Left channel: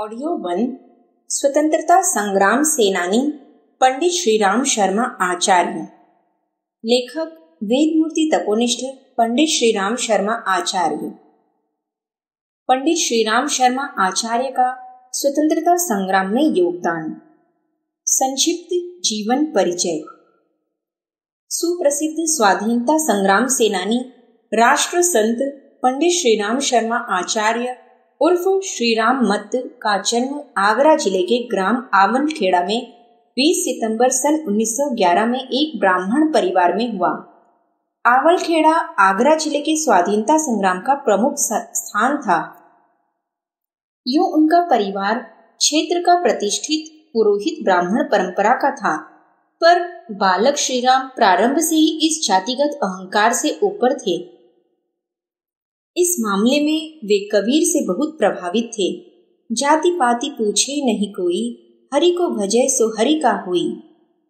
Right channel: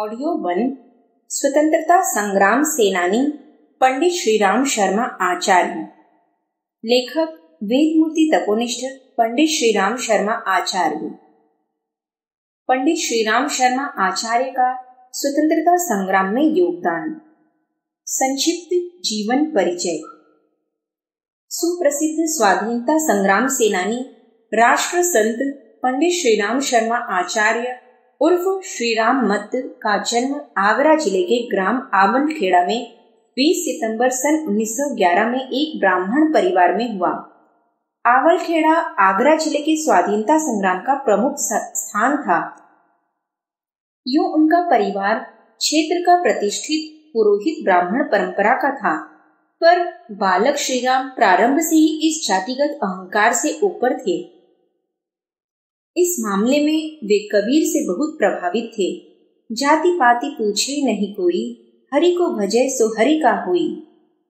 Audio 1 स्वतंत्रता संग्राम सेनानी पंडित श्रीराम शर्मा आचार्य। लेखक वेदमूर्ति तपोनिष्ठ पंडित श्रीराम शर्मा आचार्य। पंडित श्रीराम शर्मा आचार्य का स्वतंत्रता संग्राम में योगदान। संक्षिप्त जीवन परिचय। सुप्रसिद्ध स्वाधीनता संग्राम सेनानी राष्ट्र संत पंडित श्रीराम शर्मा आचार्य उर्फ श्रीराम मत्त का जन्म आगरा जिले के ग्राम आवलखेड़ा में 20 सितंबर सन 1911 में एक ब्राह्मण परिवार में हुआ। आवलखेड़ा आगरा जिले के स्वाधीनता संग्राम का प्रमुख स्थान था। यूं उनका परिवार क्षेत्र का प्रतिष्ठित पुरोहित ब्राह्मण परंपरा का था, पर बालक श्रीराम प्रारंभ से ही इस जातिगत अहंकार से ऊपर थे। इस मामले में वे कबीर से बहुत प्रभावित थे। जाति पाति पूछे नहीं कोई, हरि को भजे सो हरि का हुई।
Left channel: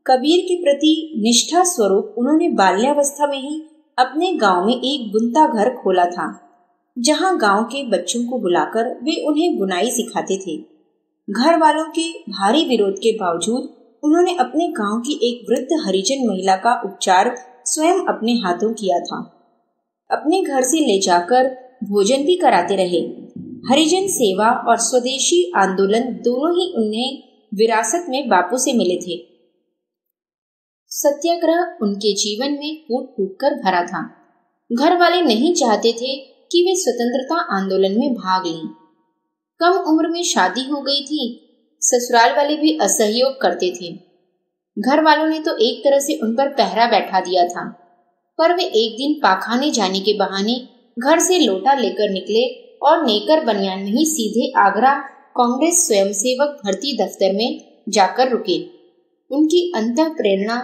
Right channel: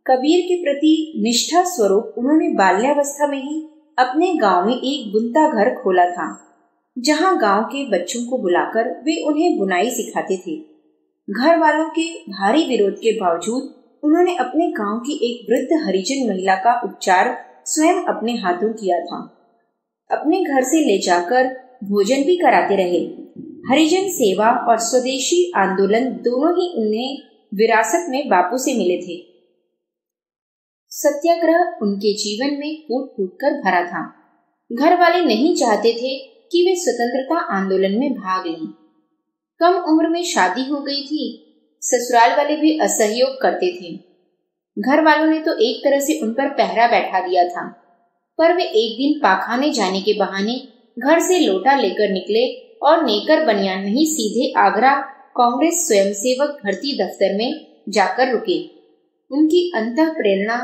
कबीर के प्रति निष्ठा स्वरूप उन्होंने बाल्यावस्था में ही अपने गांव में एक बुनता घर खोला था, जहां गांव के बच्चों को बुलाकर वे उन्हें बुनाई सिखाते थे। घर वालों के भारी विरोध के बावजूद उन्होंने अपने गांव की एक वृद्ध हरिजन महिला का उपचार स्वयं अपने हाथों किया था। अपने घर से ले जाकर भोजन भी कराते रहे। हरिजन सेवा और स्वदेशी आंदोलन दोनों ही उन्हें विरासत में बापू से मिले थे। सत्याग्रह उनके जीवन में कूट कूट कर भरा था। घर वाले नहीं चाहते थे कि वे स्वतंत्रता आंदोलन में भाग लें। कम उम्र में शादी हो गई थी। ससुराल वाले भी असहयोग करते थे। घर वालों ने तो एक तरह से उन पर पहरा बैठा दिया था, पर वे एक दिन पाखाने जाने के बहाने घर से लोटा लेकर निकले और नेकर बनियान में ही सीधे आगरा कांग्रेस स्वयंसेवक भर्ती दफ्तर में जाकर रुके। उनकी अंतः प्रेरणा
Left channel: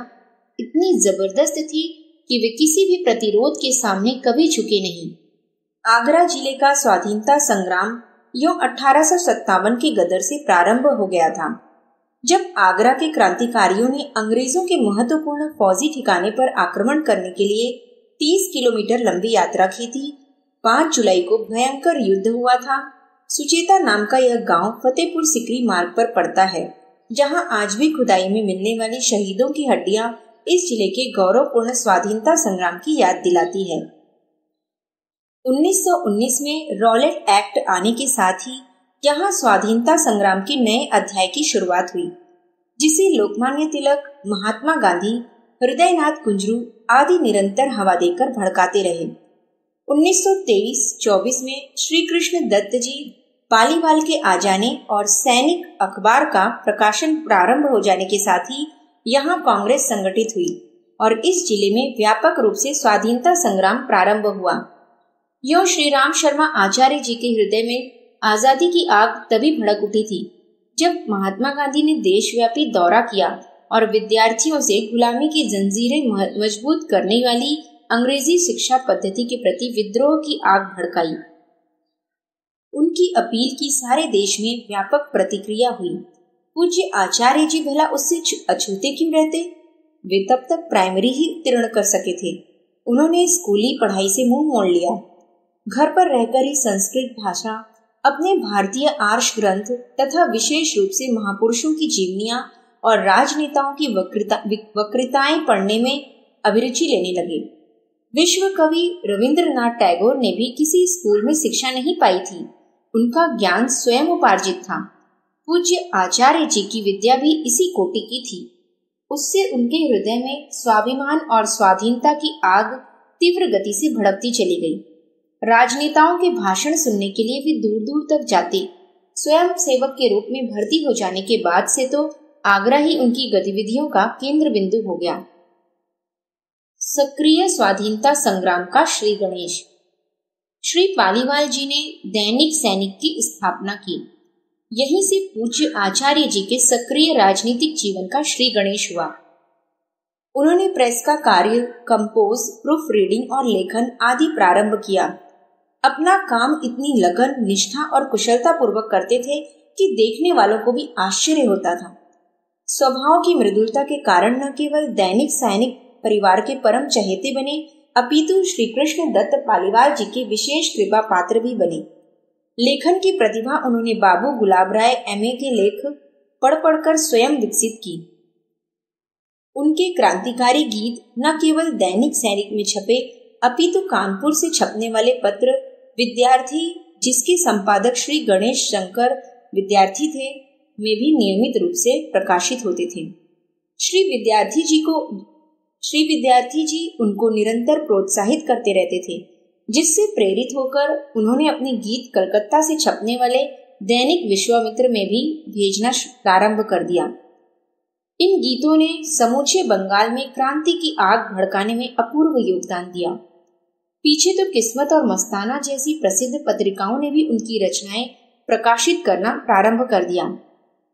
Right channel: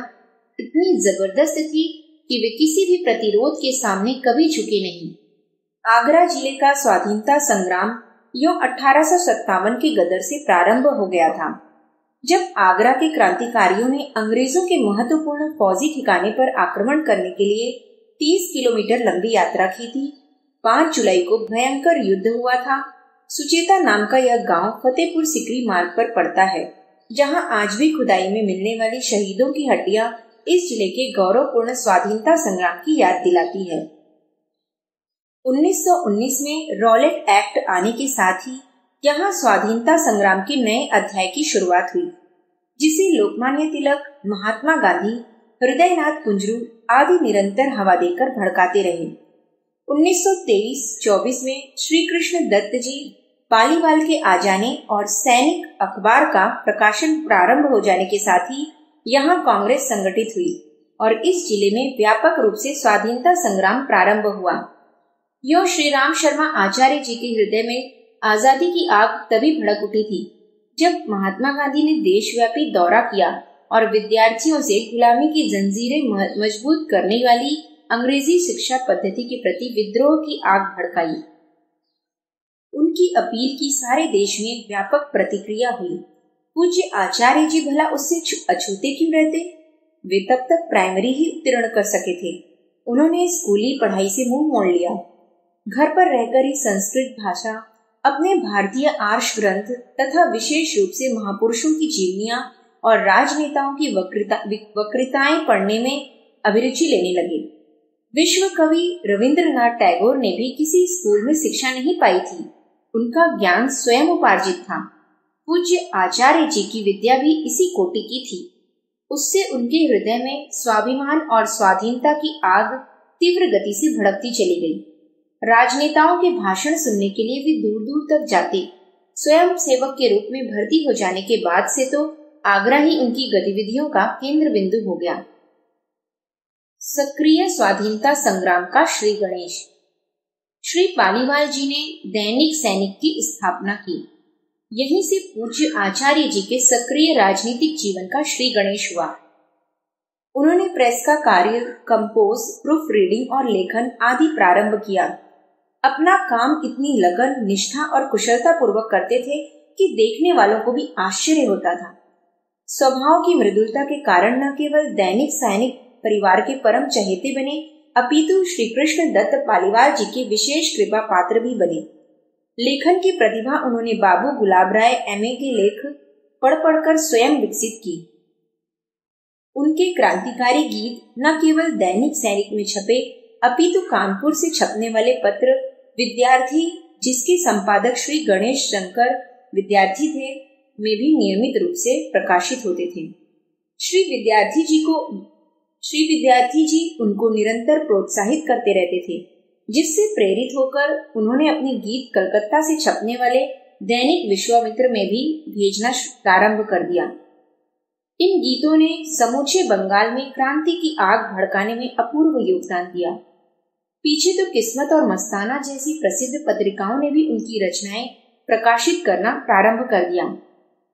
इतनी जबरदस्त थी कि वे किसी भी प्रतिरोध के सामने कभी झुके नहीं। आगरा जिले का स्वाधीनता संग्राम यूं 1857 के गदर से प्रारंभ हो गया था, जब आगरा के क्रांतिकारियों ने अंग्रेजों के महत्वपूर्ण फौजी ठिकाने पर आक्रमण करने के लिए 30 किलोमीटर लंबी यात्रा की थी। 5 जुलाई को भयंकर युद्ध हुआ था। सुचेता नाम का यह गांव फतेहपुर सिकरी मार्ग पर पड़ता है, जहां आज भी खुदाई में मिलने वाली शहीदों की हड्डियां इस जिले के गौरवपूर्ण स्वाधीनता संग्राम की याद दिलाती है। 1919 में रॉलेट एक्ट आने के साथ ही यहाँ स्वाधीनता संग्राम के नए अध्याय की शुरुआत हुई, जिसे लोकमान्य तिलक, महात्मा गांधी, हृदयनाथ कुंजरू आदि निरंतर हवा देकर भड़काते रहे। 1923-24 में श्री कृष्ण दत्त जी पालीवाल के आ जाने और सैनिक अखबार का प्रकाशन प्रारंभ हो जाने के साथ ही यहाँ कांग्रेस संगठित हुई और इस जिले में व्यापक रूप से स्वाधीनता संग्राम प्रारंभ हुआ। यो श्रीराम शर्मा आचार्य जी के हृदय में आजादी की आग तभी भड़क उठी थी, जब महात्मा गांधी ने देशव्यापी दौरा किया और विद्यार्थियों से गुलामी की जंजीरें मजबूत करने वाली अंग्रेजी शिक्षा पद्धति के प्रति विद्रोह की आग भड़काई। उनकी अपील की सारे देश में व्यापक प्रतिक्रिया हुई। पूज्य आचार्य जी भला उससे अछूते क्यों रहते? वे तब तक प्राइमरी ही उत्तीर्ण कर सके थे। उन्होंने स्कूली पढ़ाई से मुंह मोड़ लिया। घर पर रहकर ही संस्कृत भाषा, अपने भारतीय आर्ष ग्रंथ तथा विशेष रूप से महापुरुषों की जीवनियां और राजनेताओं की वक्तृताएं पढ़ने में अभिरुचि लेने लगे। विश्व कवि रविंद्रनाथ टैगोर ने भी किसी स्कूल में शिक्षा नहीं पाई थी। उनका ज्ञान स्वयं उपार्जित था। पूज्य आचार्य जी की विद्या भी इसी कोटि की थी। उससे उनके हृदय में स्वाभिमान और स्वाधीनता की आग तीव्र गति से भड़कती चली गई। राजनेताओं के भाषण सुनने के लिए वे दूर दूर तक जाते। स्वयं सेवक के रूप में भर्ती हो जाने के बाद से तो आगरा ही उनकी गतिविधियों का केंद्र बिंदु हो गया। सक्रिय स्वाधीनता संग्राम का श्री गणेश। श्री पालीवाल जी ने दैनिक सैनिक की स्थापना की। यहीं से पूज्य आचार्य जी के सक्रिय राजनीतिक जीवन का श्री गणेश हुआ। उन्होंने प्रेस का कार्य, कंपोज, प्रूफ रीडिंग और लेखन आदि प्रारंभ किया। अपना काम इतनी लगन, निष्ठा और कुशलता पूर्वक करते थे कि देखने वालों को भी आश्चर्य होता था। स्वभाव की मृदुलता के कारण न केवल दैनिक सैनिक परिवार के परम चहेते बने, अपितु श्री कृष्ण दत्त पालीवाल जी के विशेष कृपा पात्र भी बने। लेखन की प्रतिभा उन्होंने बाबू गुलाब राय एमए के लेख पढ़ पढ़कर स्वयं विकसित की। उनके क्रांतिकारी गीत न केवल दैनिक सैनिक में छपे अपितु कानपुर से छपने वाले पत्र विद्यार्थी, जिसके संपादक श्री गणेश शंकर विद्यार्थी थे, में भी नियमित रूप से प्रकाशित होते थे। श्री विद्यार्थी जी उनको निरंतर प्रोत्साहित करते रहते थे, जिससे प्रेरित होकर उन्होंने अपने गीत कलकत्ता से छपने वाले दैनिक विश्वामित्र में भी भेजना प्रारंभ कर दिया। इन गीतों ने समूचे बंगाल में क्रांति की आग भड़काने में अपूर्व योगदान दिया। पीछे तो किस्मत और मस्ताना जैसी प्रसिद्ध पत्रिकाओं ने भी उनकी रचनाएं प्रकाशित करना प्रारंभ कर दिया।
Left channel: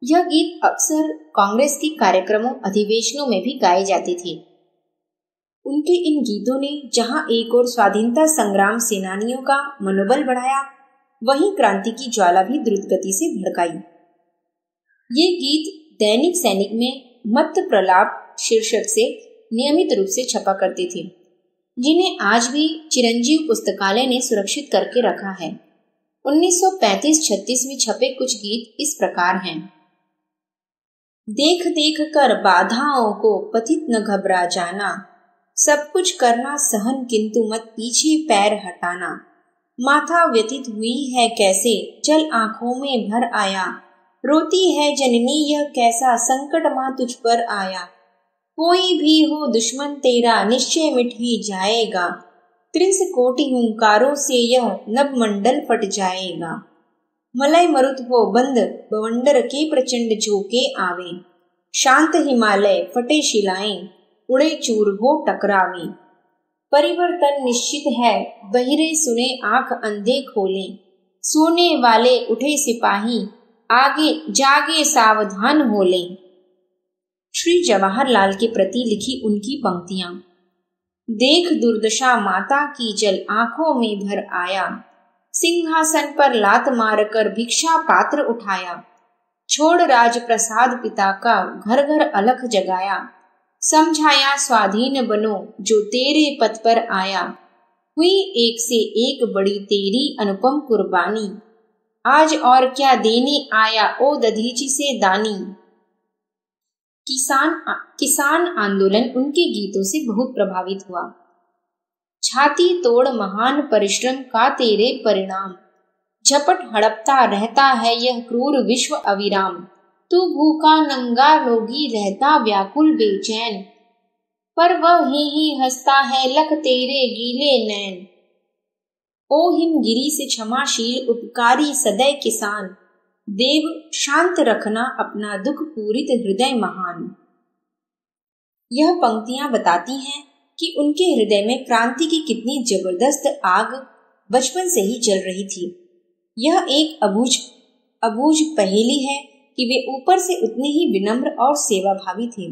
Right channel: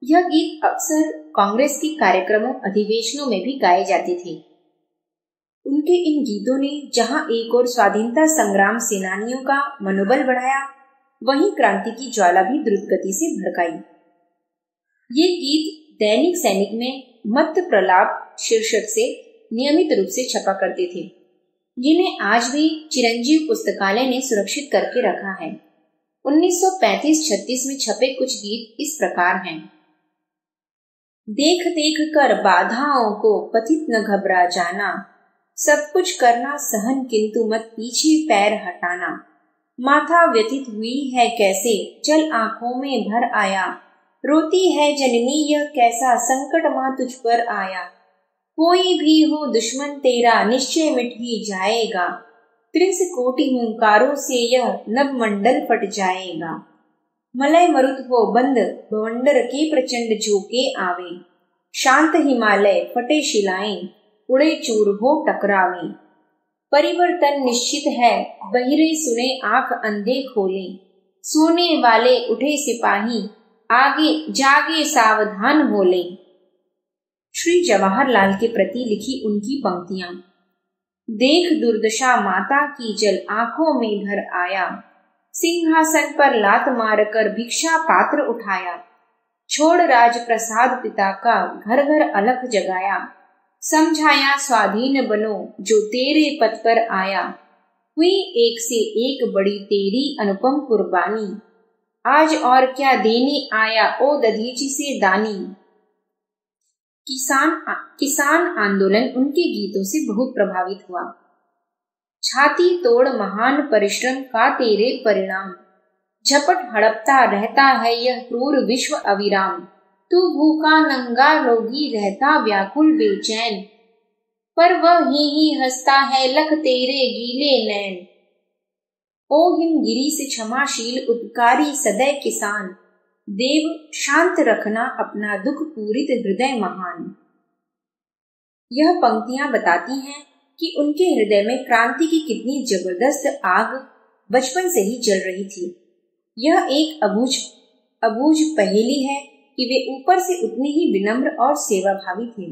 यह गीत अक्सर कांग्रेस के कार्यक्रमों, अधिवेशनों में भी गाए जाते थे। उनके इन गीतों ने जहां एक और स्वाधीनता संग्राम सेनानियों का मनोबल बढ़ाया, वहीं क्रांति की ज्वाला भी द्रुत गति से भड़काई। ये गीत दैनिक सैनिक में मत प्रलाप शीर्षक से नियमित रूप से छपा करते थे, जिन्हें आज भी चिरंजीव पुस्तकालय ने सुरक्षित करके रखा है। 1935-36 में छपे कुछ गीत इस प्रकार हैं। देख देख कर बाधाओं को पथित न घबरा जाना, सब कुछ करना सहन किंतु मत पीछे पैर हटाना। माथा व्यथित हुई है कैसे, जल आंखों में भर आया। रोती है जननी यह कैसा, संकट मां तुझ पर आया। कोई भी हो दुश्मन तेरा, निश्चय मिट ही जाएगा। त्रिंस कोटि हुंकारों से यह नभ मंडल फट जाएगा। मलय मरुत हो बंद, बवंडर के प्रचंड झोंके आवे। शांत हिमालय फटे शिलाएं, उड़े चूर हो टकरावे। परिवर्तन निश्चित है, बहिरे सुने आंख अंधे खोले। सोने वाले उठे सिपाही, आगे जागे सावधान होले। श्री जवाहरलाल के प्रति लिखी उनकी पंक्तियां। देख दुर्दशा माता की जल आंखों में भर आया। सिंहासन पर लात मारकर भिक्षा पात्र उठाया। छोड़ राज प्रसाद पिता का, घर घर अलख जगाया। समझाया स्वाधीन बनो जो तेरे पथ पर आया। हुई एक से एक बड़ी तेरी अनुपम कुर्बानी। आज और क्या देने आया ओ दधीची से दानी। किसान आंदोलन उनके गीतों से बहुत प्रभावित हुआ। छाती तोड़ महान परिश्रम का तेरे परिणाम। झपट हड़पता रहता है यह क्रूर विश्व अविराम। तू भूखा नंगा रोगी रहता व्याकुल बेचैन। पर वह ही हंसता है लख तेरे गीले नैन। ओ हिमगिरी से क्षमाशील उपकारी सदैव किसान। देव शांत रखना अपना दुख पूरित हृदय महान। यह पंक्तियां बताती हैं कि उनके हृदय में क्रांति की कितनी जबरदस्त आग बचपन से ही जल रही थी। यह एक अबूझ पहेली है कि वे ऊपर से उतने ही विनम्र और सेवाभावी थे।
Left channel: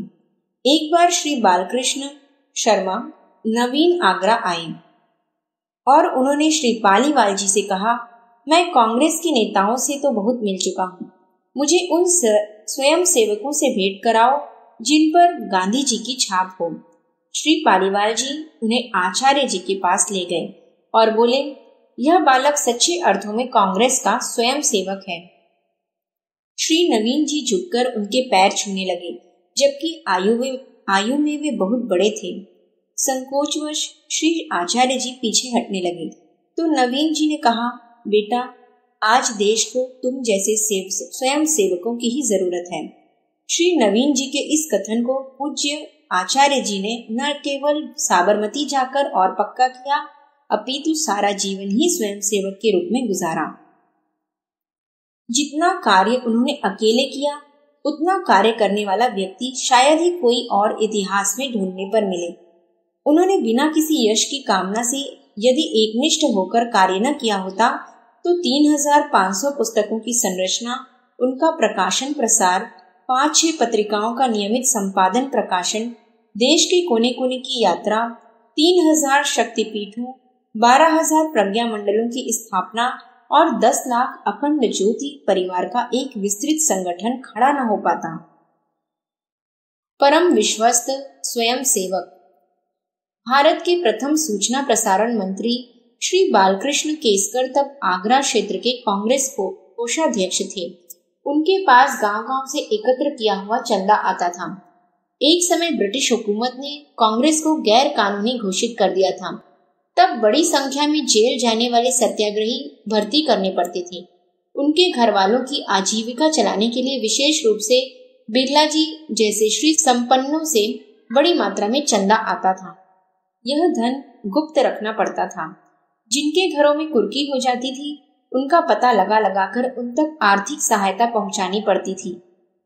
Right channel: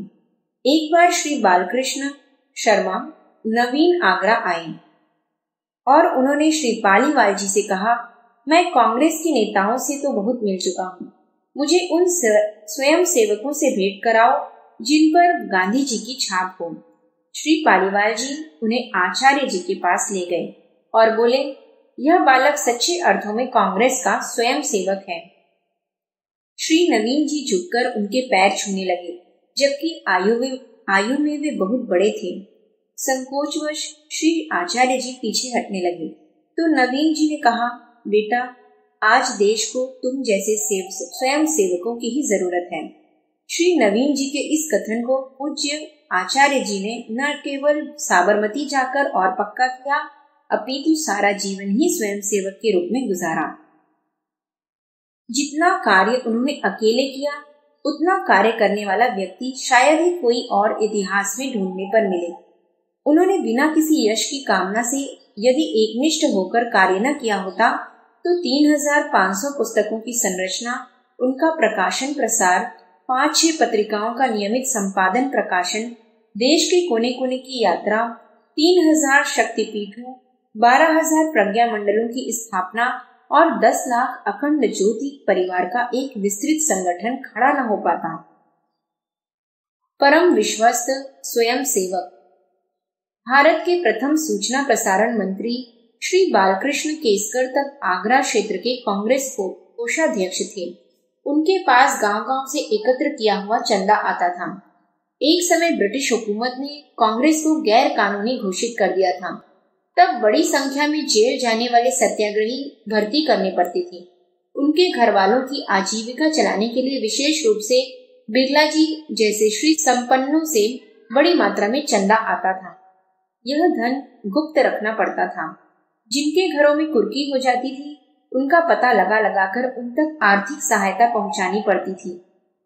एक बार श्री बालकृष्ण शर्मा नवीन आगरा आए और उन्होंने श्री पालीवाल जी से कहा, मैं कांग्रेस के नेताओं से तो बहुत मिल चुका हूँ, मुझे उन स्वयं सेवकों से भेंट कराओ जिन पर गांधी जी की छाप हो। श्री पालीवाल जी उन्हें आचार्य जी के पास ले गए और बोले, यह बालक सच्चे अर्थों में कांग्रेस का स्वयं सेवक है। श्री नवीन जी झुककर उनके पैर छूने लगे, जबकि आयु में वे बहुत बड़े थे। संकोचवश श्री आचार्य जी पीछे हटने लगे तो नवीन जी ने कहा, बेटा, आज देश को तुम जैसे स्वयं सेवकों की ही जरूरत है। श्री नवीन जी के इस कथन को पूज्य आचार्य जी ने न केवल साबरमती जाकर और पक्का किया, अपितु सारा जीवन ही स्वयं सेवक के रूप में गुजारा। जितना कार्य उन्होंने अकेले किया, उतना कार्य करने वाला व्यक्ति शायद ही कोई और इतिहास में ढूंढने पर मिले। उन्होंने बिना किसी यश की कामना से यदि एकनिष्ठ होकर कार्य न किया होता तो 3500 पुस्तकों की संरचना, उनका प्रकाशन प्रसार, 5-6 पत्रिकाओं का नियमित संपादन प्रकाशन, देश के कोने कोने की यात्रा, 3000 शक्तिपीठों, 12,000 प्रज्ञा मंडलों की स्थापना और 10 लाख अखंड ज्योति परिवार का एक विस्तृत संगठन खड़ा न हो पाता। परम विश्वस्त स्वयं सेवक। भारत के प्रथम सूचना प्रसारण मंत्री श्री बालकृष्ण केसकर तब आगरा क्षेत्र के कांग्रेस कोषाध्यक्ष थे। उनके पास गांव-गांव से एकत्र किया हुआ चंदा आता था। एक समय ब्रिटिश हुकूमत ने कांग्रेस को गैर कानूनी घोषित कर दिया था। तब बड़ी संख्या में जेल जाने वाले सत्याग्रही भर्ती करने पड़ते थे। उनके घर वालों की आजीविका चलाने के लिए विशेष रूप से बिरला जी जैसे श्री संपन्नों से बड़ी मात्रा में चंदा आता था। यह धन गुप्त रखना पड़ता था। जिनके घरों में कुर्की हो जाती थी उनका पता लगाकर उन तक आर्थिक सहायता पहुंचानी पड़ती थी।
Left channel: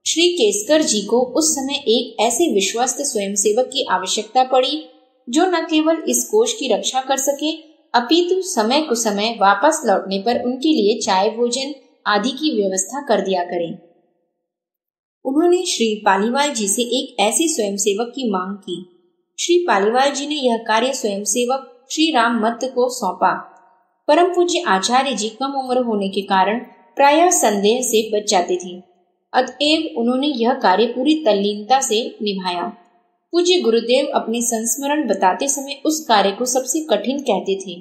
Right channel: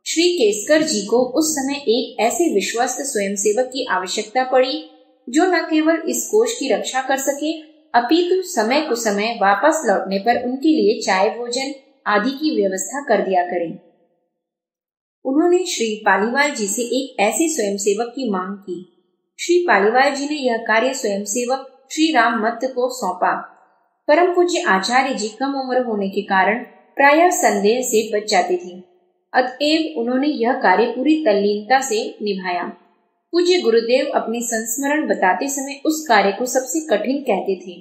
श्री केसकर जी को उस समय एक ऐसे विश्वस्त स्वयंसेवक की आवश्यकता पड़ी जो न केवल इस कोष की रक्षा कर सके अपितु समय कुसमय वापस लौटने पर उनके लिए चाय भोजन आदि की व्यवस्था कर दिया करें। उन्होंने श्री पालीवाल जी से एक ऐसे स्वयंसेवक की मांग की। श्री पालीवाल जी ने यह कार्य स्वयंसेवक श्री राम मत्त को सौंपा। परम पूज्य आचार्य जी कम उम्र होने के कारण प्रायः संदेह से बच जाते थे, अतएव उन्होंने यह कार्य पूरी तल्लीनता से निभाया। पूज्य गुरुदेव अपने संस्मरण बताते समय उस कार्य को सबसे कठिन कहते थे।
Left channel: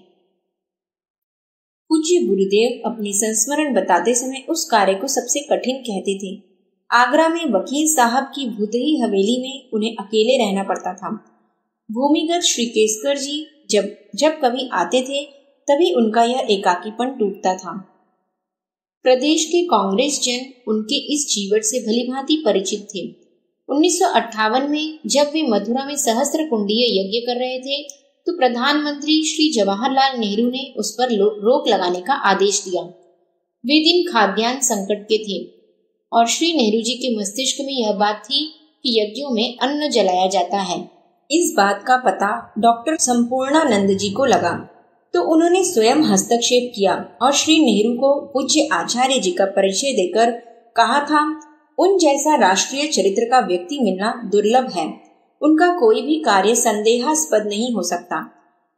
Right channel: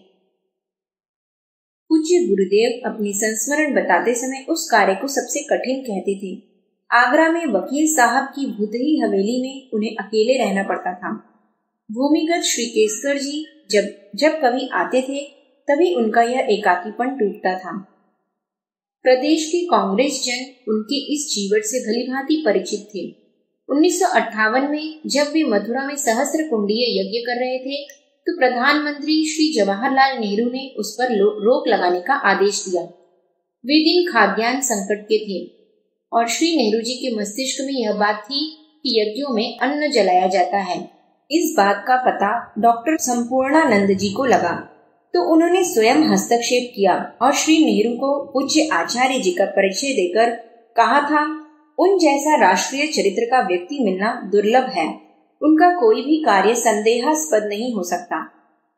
पूज्य गुरुदेव अपनी संस्मरण बताते समय उस कार्य को सबसे कठिन कहते थे। आगरा में वकील साहब की भूतही हवेली में उन्हें अकेले रहना पड़ता था। भूमिगत श्री केसकर जी जब कभी आते थे तभी उनका यह एकाकीपन टूटता था। प्रदेश के कांग्रेस जन उनके इस जीवट से भलीभांति परिचित थे। 1958 में जब वे मथुरा में सहस्त्र कुंडीय यज्ञ कर रहे थे तो प्रधानमंत्री श्री जवाहरलाल नेहरू ने उस पर रोक लगाने का आदेश दिया। वे दिन खाद्यान्न संकट के थे और श्री नेहरू जी के मस्तिष्क में यह बात थी कि यज्ञों में अन्न जलाया जाता है। इस बात का पता डॉक्टर संपूर्णानंद जी को लगा तो उन्होंने स्वयं हस्तक्षेप किया और श्री नेहरू को पूज्य आचार्य जी का परिचय देकर कहा था, उन जैसा राष्ट्रीय चरित्र का व्यक्ति मिलना दुर्लभ है। उनका कोई भी कार्य संदेहास्पद नहीं हो सकता।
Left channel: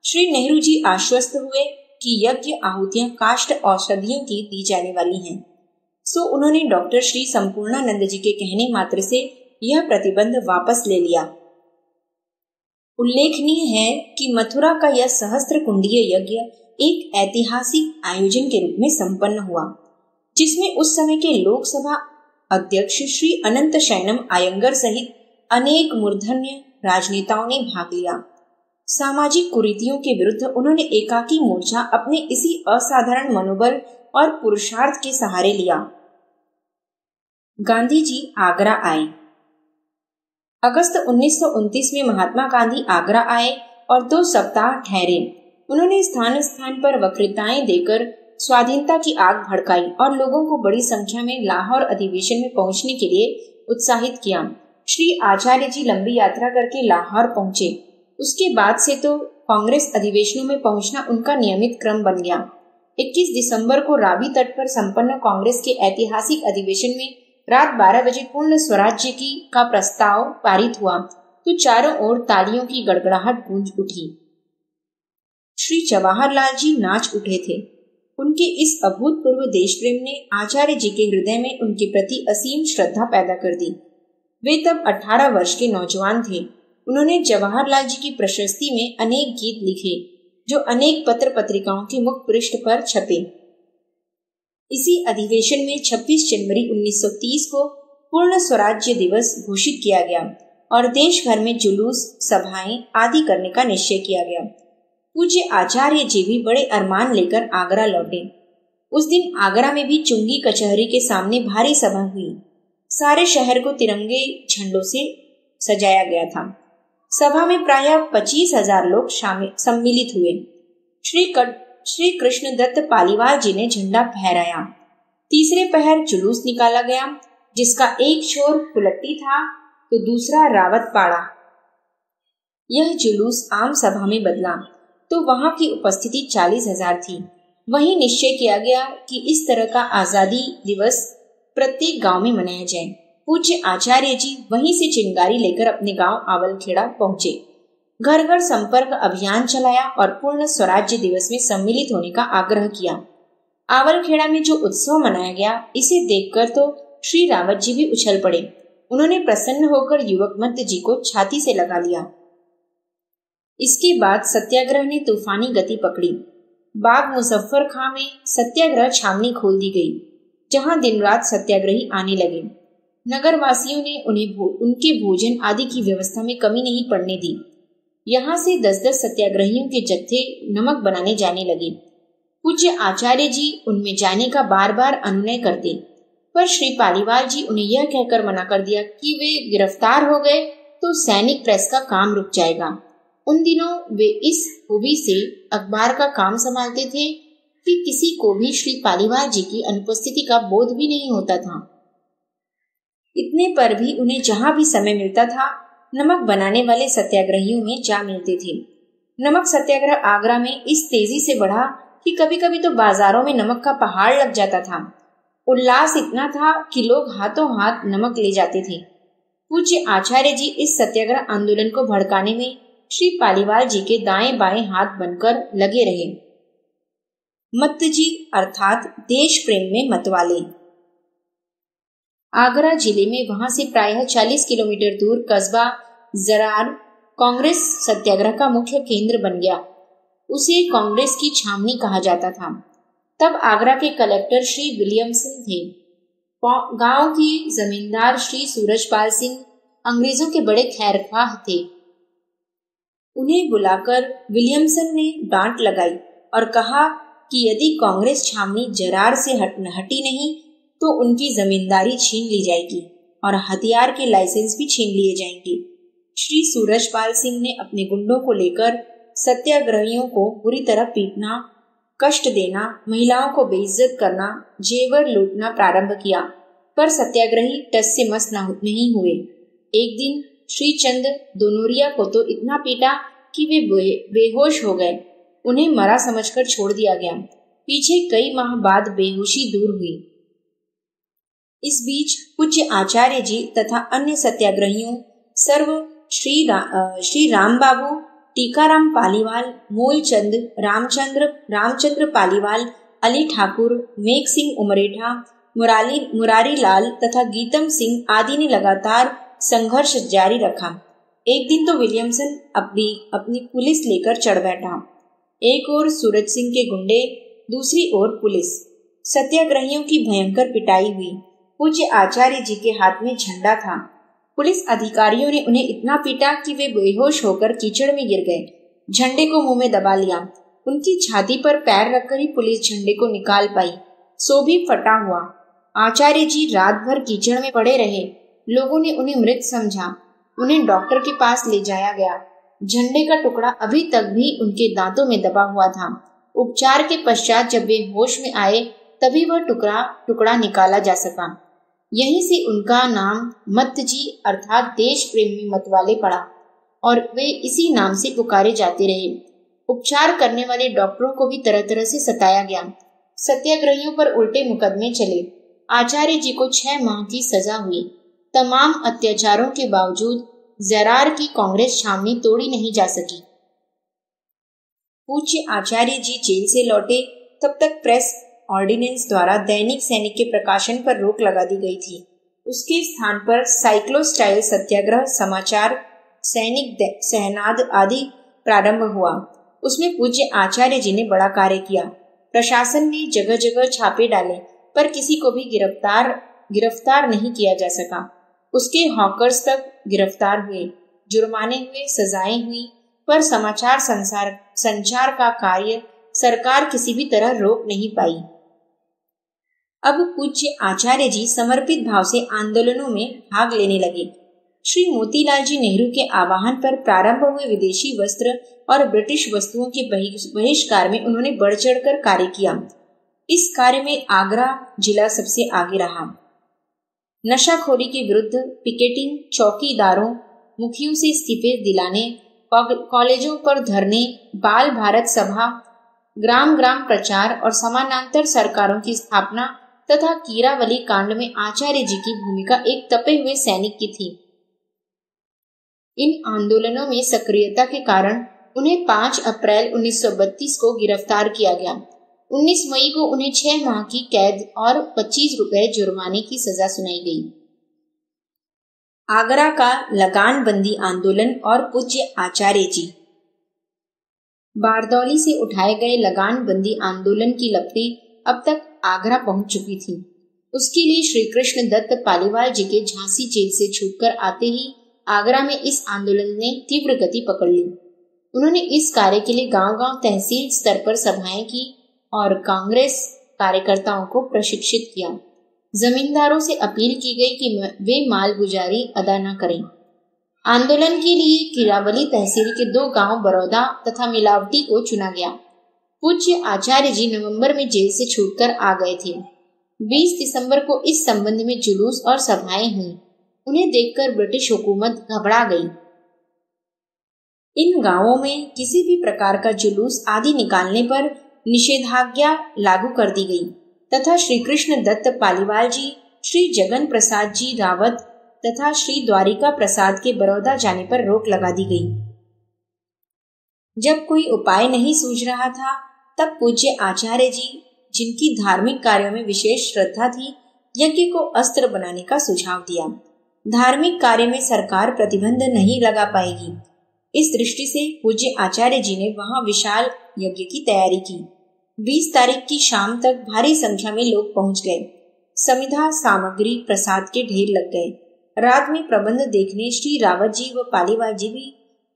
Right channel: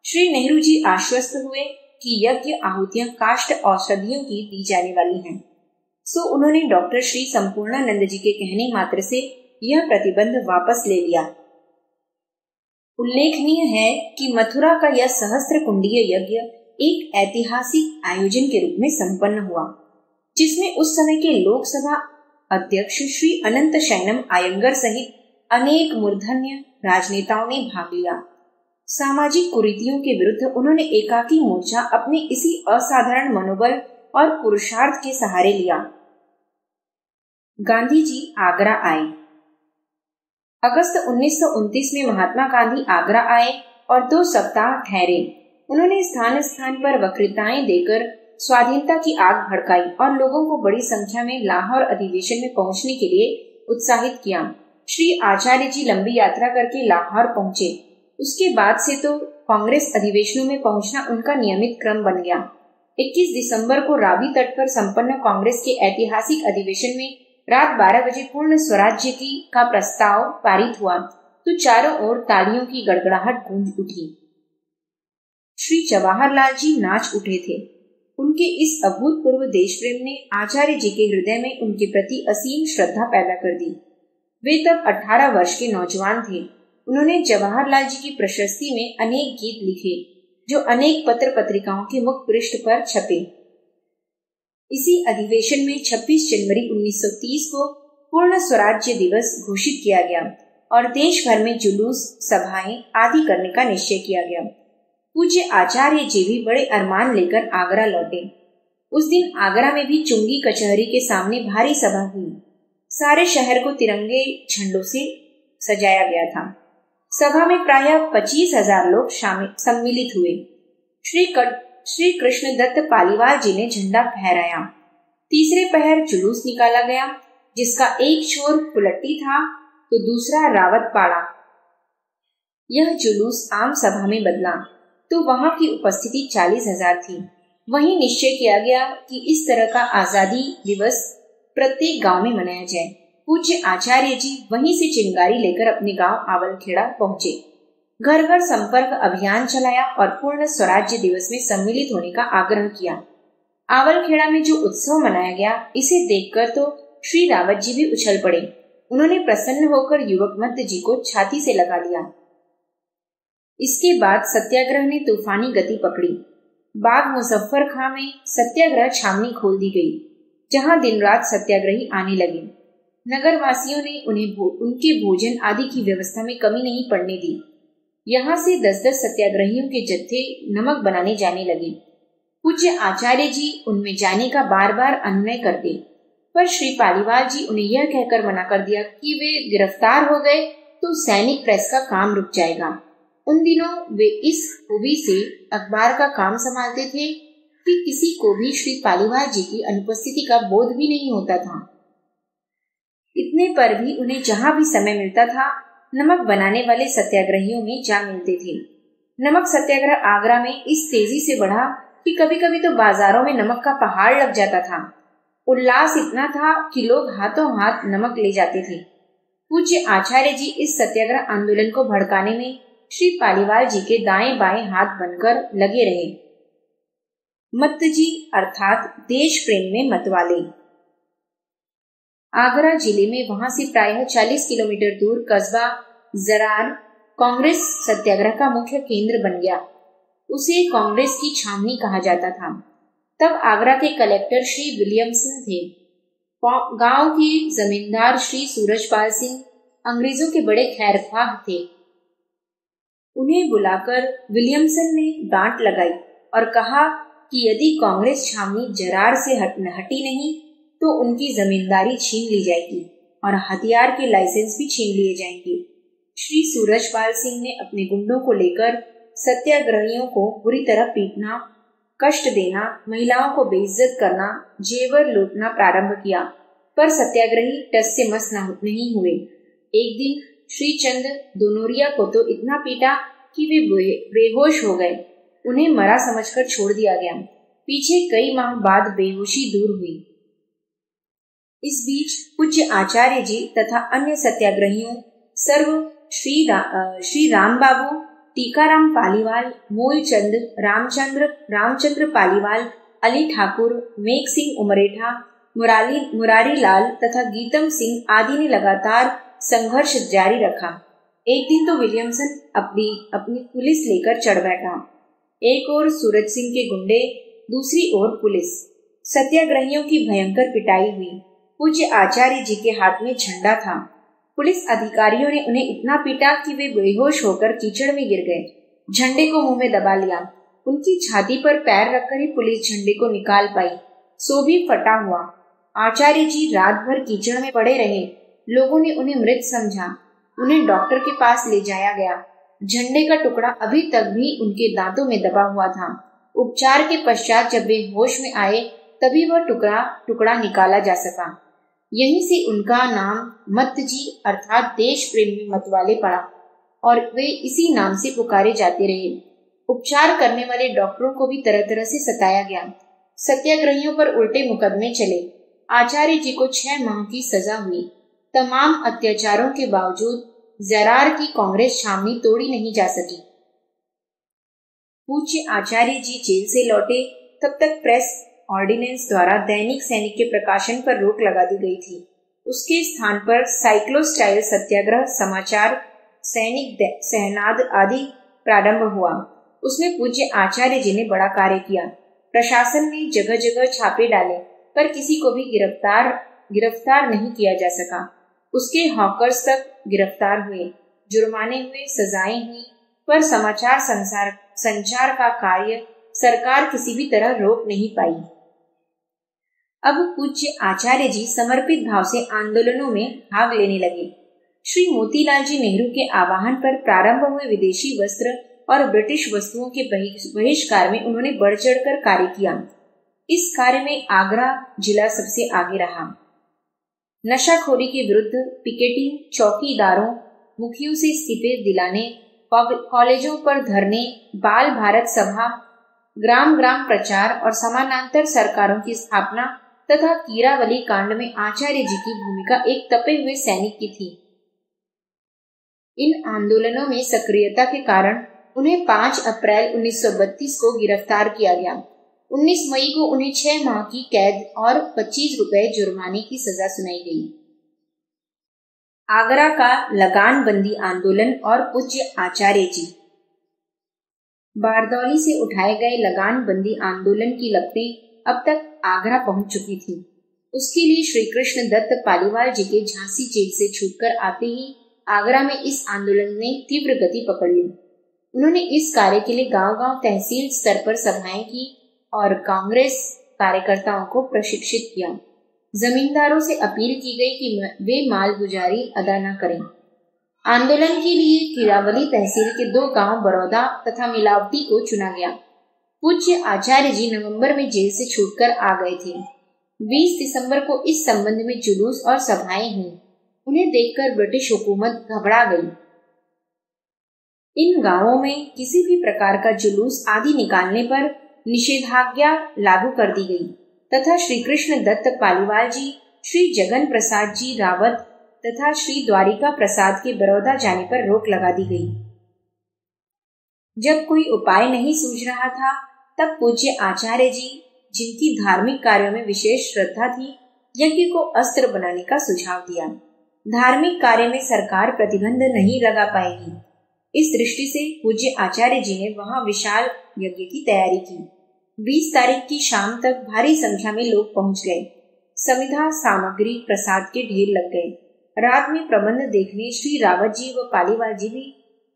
श्री नेहरू जी आश्वस्त हुए कि यज्ञ आहुतियां काष्ठ औषधियों की दी जाने वाली हैं। सो उन्होंने डॉक्टर श्री संपूर्णानंद जी के कहने मात्र से यह प्रतिबंध वापस ले लिया। उल्लेखनीय है कि मथुरा का यह सहस्त्र कुंडीय यज्ञ एक ऐतिहासिक आयोजन के रूप में संपन्न हुआ, जिसमें उस समय के लोकसभा अध्यक्ष श्री अनंत शयनम आयंगर सहित अनेक मूर्धन्य राजनेताओं ने भाग लिया। सामाजिक कुरीतियों के विरुद्ध उन्होंने एकाकी मोर्चा अपने इसी असाधारण मनोबल और पुरुषार्थ के सहारे लिया। गांधी जी आगरा आए। अगस्त 1929 में महात्मा गांधी आगरा आए और 2 सप्ताह ठहरे। उन्होंने स्थान स्थान पर वक्तृताएं देकर स्वाधीनता की आग भड़काई और लोगों को बड़ी संख्या में लाहौर अधिवेशन में पहुंचने के लिए उत्साहित किया। श्री आचार्य जी लंबी यात्रा करके लाहौर पहुंचे। उसके बाद से तो कांग्रेस अधिवेशनों में पहुंचना उनका नियमित क्रम बन गया। 21 दिसंबर को रावी तट पर संपन्न कांग्रेस के ऐतिहासिक अधिवेशन में रात 12 बजे पूर्ण स्वराज्य का प्रस्ताव पारित हुआ तो चारों ओर तालियों की गड़गड़ाहट गूंज उठी। श्री जवाहरलाल जी नाच उठे थे। उनके इस अभूतपूर्व देश प्रेम ने आचार्य जी के हृदय में उनके प्रति असीम श्रद्धा पैदा कर दी। वे तब 18 वर्ष के नौजवान थे। उन्होंने जवाहरलाल जी की प्रशस्ति में अनेक गीत लिखे जो अनेक पत्र पत्रिकाओं के मुख पृष्ठ पर छपे। इसी अधिवेशन में 26 जनवरी 1930 को पूर्ण स्वराज्य दिवस घोषित किया गया और देश भर में जुलूस, सभाएं आदि करने का निश्चय किया गया। पूज्य आचार्य जी भी बड़े अरमान लेकर आगरा लौटे। उस दिन आगरा में भी चुंगी कचहरी के सामने भारी सभा हुई। सारे शहर को तिरंगे झंडों से सजाया गया था। सभा में प्रायः 25,000 लोग सम्मिलित हुए। श्री कृष्ण दत्त पालीवाल जी ने झंडा फहराया। तीसरे पहर जुलूस निकाला गया, जिसका एक छोर पुलट्टी था तो दूसरा रावत पाड़ा। यह जुलूस आम सभा में बदला तो वहां की उपस्थिति 40,000 थी। वहीं निश्चय किया गया कि इस तरह का आजादी दिवस प्रत्येक गांव में मनाया जाए। पूज्य आचार्य जी वहीं से चिंगारी लेकर अपने गांव आवलखेड़ा पहुंचे। घर घर संपर्क अभियान चलाया और पूर्ण स्वराज्य दिवस में सम्मिलित होने का आग्रह किया। आवलखेड़ा में जो उत्सव मनाया गया, इसे देखकर तो श्री रावत जी भी उछल पड़े। उन्होंने प्रसन्न होकर युवक मत्त जी को छाती से लगा लिया। इसके बाद सत्याग्रह ने तूफानी गति पकड़ी। बाग मुजफ्फर खां में सत्याग्रह छावनी खोल दी गई, जहां दिन रात सत्याग्रही आने लगे। नगर वासियों ने उन्हें उनके भोजन आदि की व्यवस्था में कमी नहीं पड़ने दी। यहाँ से 10-10 सत्याग्रहियों के जत्थे नमक बनाने जाने लगे। पूज्य आचार्य जी उनमें जाने का बार बार अनुनय करते, पर श्री पालीवाल जी उन्हें यह कहकर मना कर दिया कि वे गिरफ्तार हो गए तो सैनिक प्रेस का काम रुक जाएगा। उन दिनों वे इस खूबी से अखबार का काम संभालते थे कि किसी को भी श्री पालीवाल जी की अनुपस्थिति का बोध भी नहीं होता था। इतने पर भी उन्हें जहां भी समय मिलता था नमक बनाने वाले सत्याग्रहियों में जा मिलते थे। नमक सत्याग्रह आगरा में इस तेजी से बढ़ा कि कभी कभी तो बाजारों में नमक का पहाड़ लग जाता था। उल्लास इतना था कि लोग हाथों हाथ नमक ले जाते थे। पूज्य आचार्य जी इस सत्याग्रह आंदोलन को भड़काने में श्री पालीवाल जी के दाएं बाएं हाथ बनकर लगे रहे। मत्तजी अर्थात देश प्रेम में मतवाले। आगरा जिले में वहां से प्रायः 40 किलोमीटर दूर कस्बा जरार कांग्रेस सत्याग्रह का मुख्य केंद्र बन गया। उसे कांग्रेस की छावनी कहा जाता था। तब आगरा के कलेक्टर श्री विलियमसन थे। गांव के जमींदार श्री सूरजपाल सिंह अंग्रेजों के बड़े खैरख्वाह थे। उन्हें बुलाकर विलियमसन ने डांट लगाई और कहा कि यदि कांग्रेस छावनी जरार से हटी नहीं तो उनकी जमींदारी छीन ली जाएगी और हथियार के लाइसेंस भी छीन लिए जाएंगे। श्री सूरजपाल सिंह ने अपने गुंडों को लेकर सत्याग्रहियों को बुरी तरह पीटना, कष्ट देना, महिलाओं को बेइज्जत करना, जेवर लूटना प्रारंभ किया, पर सत्याग्रही टस से मस नहीं हुए। एक दिन श्री चंद दोनोरिया को तो इतना पीटा कि वे बेहोश हो गए। उन्हें मरा समझकर छोड़ दिया गया। पीछे कई माह बाद बेहोशी दूर हुई। इस बीच पूज्य आचार्य जी तथा अन्य सत्याग्रहियों सर्व श्री राम बाबू, टीकाराम पालीवाल, मूलचंद, रामचंद्र पालीवाल, अली ठाकुर, मेघ सिंह उमरेठा, मुरारी लाल तथा गीतम सिंह आदि ने लगातार संघर्ष जारी रखा। एक दिन तो विलियमसन अपनी पुलिस लेकर चढ़ बैठा। एक ओर सूरज सिंह के गुंडे, दूसरी ओर पुलिस। सत्याग्रहियों की भयंकर पिटाई हुई। पूज्य आचार्य जी के हाथ में झंडा था। पुलिस अधिकारियों ने उन्हें इतना पीटा कि वे बेहोश होकर कीचड़ में गिर गए। झंडे को मुंह में दबा लिया। उनकी छाती पर पैर रखकर ही पुलिस झंडे को निकाल पाई, सो भी फटा हुआ। आचार्य जी रात भर कीचड़ में पड़े रहे। लोगों ने उन्हें मृत समझा। उन्हें डॉक्टर के पास ले जाया गया। झंडे का टुकड़ा अभी तक भी उनके दांतों में दबा हुआ था। उपचार के पश्चात जब वे होश में आए तभी वह टुकड़ा निकाला जा सका। यहीं से उनका नाम मत्तजी अर्थात देश प्रेम में मतवाले पड़ा और वे इसी नाम से पुकारे जाते रहे। उपचार करने वाले डॉक्टरों को भी तरह तरह से सताया गया। सत्याग्रहियों पर उल्टे मुकदमे चले। आचार्य जी को 6 माह की सजा हुई। तमाम अत्याचारों के बावजूद जरार की कांग्रेस छावनी तोड़ी नहीं जा सकी। पूज्य आचार्य जी जेल से लौटे तब तक प्रेस ऑर्डिनेंस द्वारा दैनिक सैनिक के प्रकाशन पर रोक लगा दी गई थी। उसके स्थान पर साइक्लोस्टाइल सत्याग्रह, समाचार, सैनिक सहनाद आदि प्रारंभ हुआ। उसमें पूज्य आचार्य जी ने बड़ा कार्य किया। प्रशासन ने जगह जगह छापे डाले पर किसी को भी गिरफ्तार नहीं किया जा सका। उसके हॉकर्स तक गिरफ्तार हुए, जुर्माने हुए, सजाएं हुई, पर समाचार संचार का कार्य सरकार किसी भी तरह रोक नहीं पाई। अब पूज्य आचार्य जी समर्पित भाव से आंदोलनों में भाग लेने लगे। श्री मोतीलाल जी नेहरू के आह्वान पर प्रारंभ हुए विदेशी वस्त्र और ब्रिटिश वस्तुओं के बहिष्कार में उन्होंने बढ़ चढ़कर कार्य किया। इस कार्य में आगरा जिला सबसे आगे रहा। नशाखोरी के विरुद्ध पिकेटिंग, चौकीदारों, मुखियों से इस्तीफे दिलाने, कॉलेजों पर धरने, बाल भारत सभा, ग्राम ग्राम प्रचार और समानांतर सरकारों की स्थापना तथा कीरावली कांड में आचार्य जी की भूमिका एक तपे हुए सैनिक की थी। इन आंदोलनों में सक्रियता के कारण उन्हें 5 अप्रैल 1932 को गिरफ्तार किया गया। 19 मई को उन्हें 6 माह की कैद और 25 रुपए जुर्माने की सजा सुनाई गई। आगरा का लगान बंदी आंदोलन और पूज्य आचार्य जी। बारदौली से उठाए गए लगान बंदी आंदोलन की लपटें अब तक आगरा पहुंच चुकी थी। उसके लिए श्री कृष्ण दत्त पालीवाल जी के झांसी जेल से छूटकर आते ही आगरा में इस आंदोलन ने तीव्र गति पकड़ ली। उन्होंने इस कार्य के लिए गांव-गांव तहसील स्तर पर सभाएं की और कांग्रेस कार्यकर्ताओं को प्रशिक्षित किया। जमींदारों से अपील की गई कि वे मालगुजारी अदा न करें। आंदोलन के लिए किरावली तहसील के 2 गांव बरौदा तथा मिलावटी को चुना गया। पूज्य आचार्य जी नवंबर में जेल से छूटकर आ गए थे। 20 दिसंबर को इस संबंध में जुलूस और सभाएं हुई। उन्हें देखकर ब्रिटिश हुकूमत घबरा गई। इन गांवों में किसी भी प्रकार का जुलूस आदि निकालने पर निषेधाज्ञा लागू कर दी गई तथा श्री कृष्ण दत्त पालीवाल जी, श्री जगन प्रसाद जी रावत तथा श्री द्वारिका प्रसाद के बड़ौदा जाने पर रोक लगा दी गई। जब कोई उपाय नहीं सूझ रहा था, तब पूज्य आचार्य जी, जिनकी धार्मिक कार्यों में विशेष श्रद्धा थी, यज्ञ को अस्त्र बनाने का सुझाव दिया। धार्मिक कार्य में सरकार प्रतिबंध नहीं लगा पाएगी। इस दृष्टि से पूज्य आचार्य जी ने वहां विशाल यज्ञ की तैयारी की। 20 तारीख की शाम तक भारी संख्या में लोग पहुंच गए। समिधा सामग्री प्रसाद के ढेर लग गए। रात में प्रबंध देखने श्री रावत जी व पालीवाल जी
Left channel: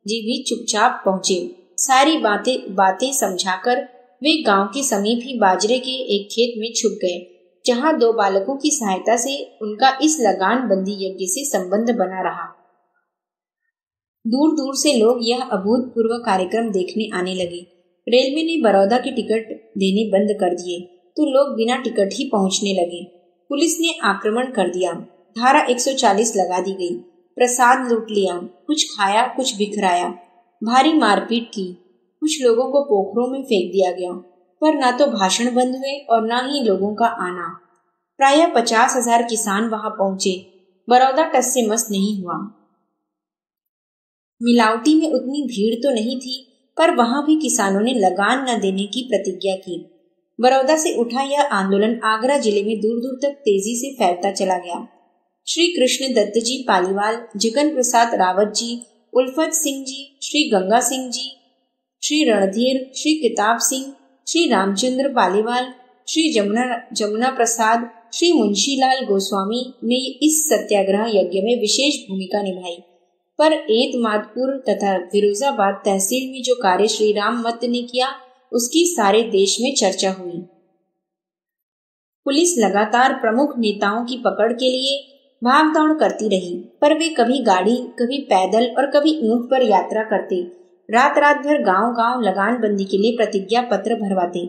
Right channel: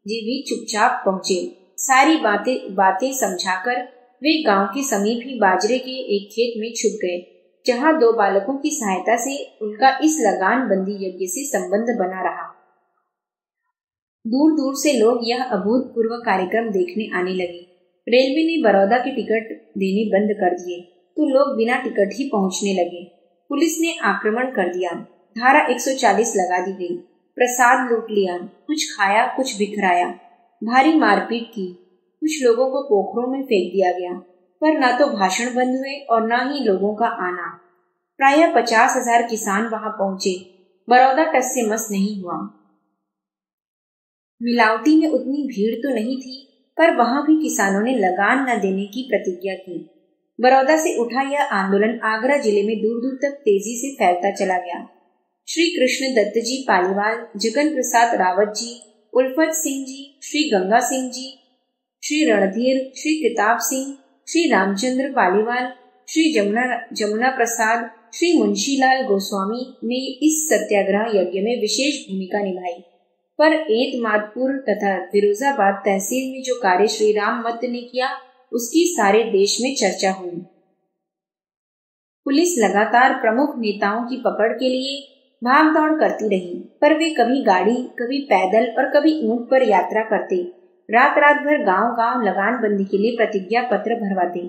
भी चुपचाप पहुंचे। सारी बातें समझाकर वे गांव के समीप ही बाजरे के एक खेत में छुप गए, जहां 2 बालकों की सहायता से उनका इस लगान बंदी यज्ञ से संबंध बना रहा। दूर दूर से लोग यह अभूतपूर्व कार्यक्रम देखने आने लगे। रेलवे ने बड़ौदा के टिकट देने बंद कर दिए तो लोग बिना टिकट ही पहुंचने लगे। पुलिस ने आक्रमण कर दिया। धारा 140 लगा दी गई। प्रसाद लूट लिया, कुछ खाया कुछ बिखराया। भारी मारपीट की। कुछ लोगों को पोखरों में फेंक दिया गया, पर न तो भाषण बंद हुए और न ही लोगों का आना। प्रायः 50,000 किसान वहां पहुंचे। बड़ौदा टस से मस नहीं हुआ। मिलावटी में उतनी भीड़ तो नहीं थी, पर वहां भी किसानों ने लगान न देने की प्रतिज्ञा की। बड़ौदा से उठा यह आंदोलन आगरा जिले में दूर दूर तक तेजी से फैलता चला गया। श्री कृष्ण दत्त जी पालीवाल, जगन प्रसाद रावत जी, उल्फत सिंह जी, श्री गंगा सिंह जी, श्री रणधीर, श्री किताब सिंह, श्री रामचंद्र पालीवाल, श्री जमुना प्रसाद, श्री मुंशीलाल गोस्वामी ने इस सत्याग्रह यज्ञ में विशेष भूमिका निभाई। पर एतमादपुर तथा फिरोजाबाद तहसील में जो कार्य श्री राम मत ने किया, उसकी सारे देश में चर्चा हुई। पुलिस लगातार प्रमुख नेताओं की पकड़ के लिए भागदौड़ करती रही, पर वे कभी गाड़ी, कभी पैदल और कभी ऊंट पर यात्रा करते। रात रात भर गांव-गांव लगान बंदी के लिए प्रतिज्ञा पत्र भरवाते।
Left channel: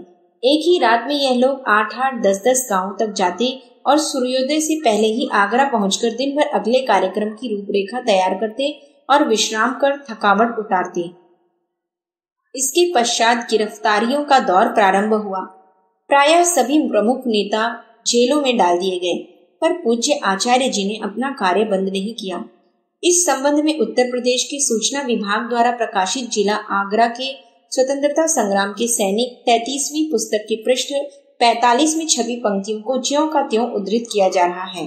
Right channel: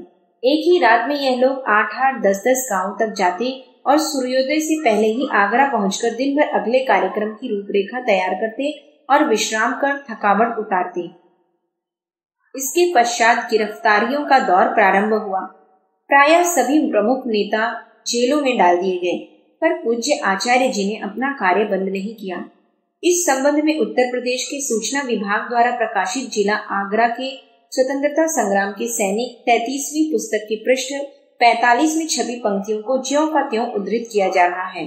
एक ही रात में यह लोग 8-8, 10-10 गांव तक जाते और सूर्योदय से पहले ही आगरा पहुंचकर दिन भर अगले कार्यक्रम की रूपरेखा तैयार करते और विश्राम कर थकावट उतारते। इसके पश्चात गिरफ्तारियों का दौर प्रारंभ हुआ। प्रायः सभी प्रमुख नेता जेलों में डाल दिए गए, पर पूज्य आचार्य जी ने अपना कार्य बंद नहीं किया। इस संबंध में उत्तर प्रदेश के सूचना विभाग द्वारा प्रकाशित जिला आगरा के स्वतंत्रता संग्राम के सैनिक 33वीं पुस्तक के पृष्ठ 45 में छपी पंक्तियों को ज्यों का त्यों उद्धृत किया जा रहा है।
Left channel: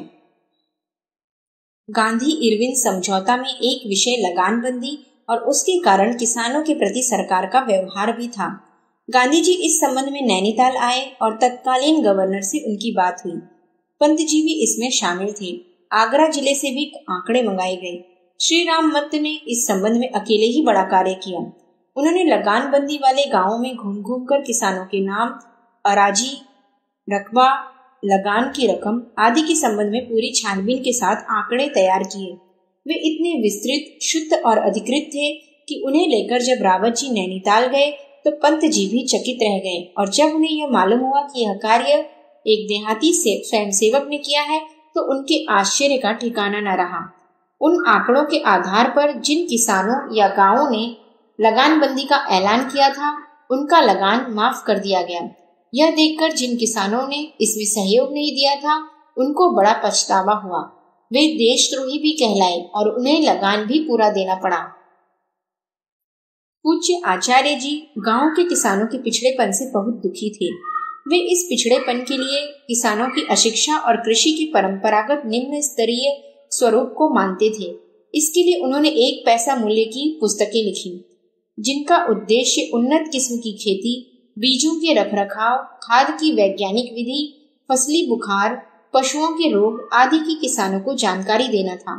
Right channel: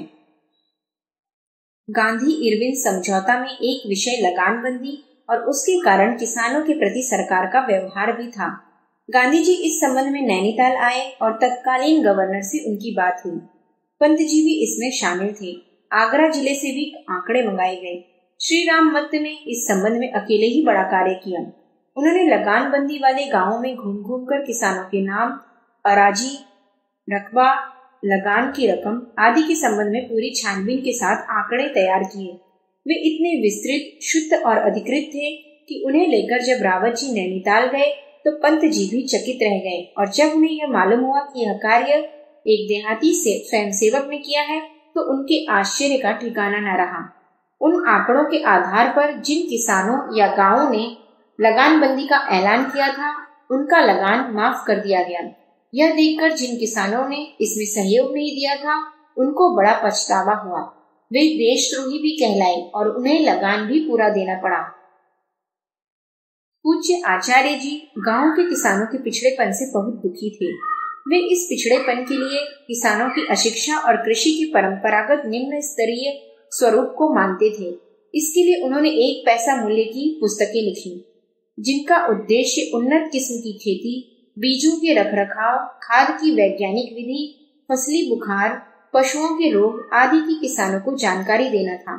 गांधी इरविन समझौता में एक विषय लगानबंदी और उसके कारण किसानों के प्रति सरकार का व्यवहार भी था। गांधी जी इस संबंध में नैनीताल आए और तत्कालीन गवर्नर से उनकी बात हुई। पंत जी भी इसमें शामिल थे। आगरा जिले से भी आंकड़े मंगाए गए। श्री राम मत ने इस संबंध में अकेले ही बड़ा कार्य किया। उन्होंने लगानबंदी वाले गांवों में घूम घूम कर किसानों के नाम, अराजी, रकबा, लगान की रकम आदि के संबंध में पूरी छानबीन के साथ आंकड़े तैयार किए। वे इतने विस्तृत, शुद्ध और अधिकृत थे कि उन्हें लेकर जब रावत जी नैनीताल गए तो पंत जी भी चकित रह गए, और जब उन्हें यह मालूम हुआ कि यह कार्य एक देहाती स्वयंसेवक ने किया है तो उनके आश्चर्य का ठिकाना न रहा। उन आंकड़ों के आधार पर जिन किसानों या गांवों ने लगानबंदी का ऐलान किया था, उनका लगान माफ कर दिया गया। यह देखकर जिन किसानों ने इसमें सहयोग नहीं दिया था, उनको बड़ा पछतावा हुआ। वे देशद्रोही भी कहलाए और उन्हें लगान भी पूरा देना पड़ा। पूज्य आचार्य जी गांव के किसानों के पिछड़ेपन से बहुत दुखी थे। वे इस पिछड़ेपन के लिए किसानों की अशिक्षा और कृषि के परंपरागत निम्न स्तरीय स्वरूप को मानते थे। इसके लिए उन्होंने 1 पैसा मूल्य की पुस्तकें लिखी। जिनका उद्देश्य उन्नत किस्म की खेती, बीजों के रखरखाव, खाद की वैज्ञानिक विधि, फसली बुखार, पशुओं के रोग आदि की किसानों को जानकारी देना था।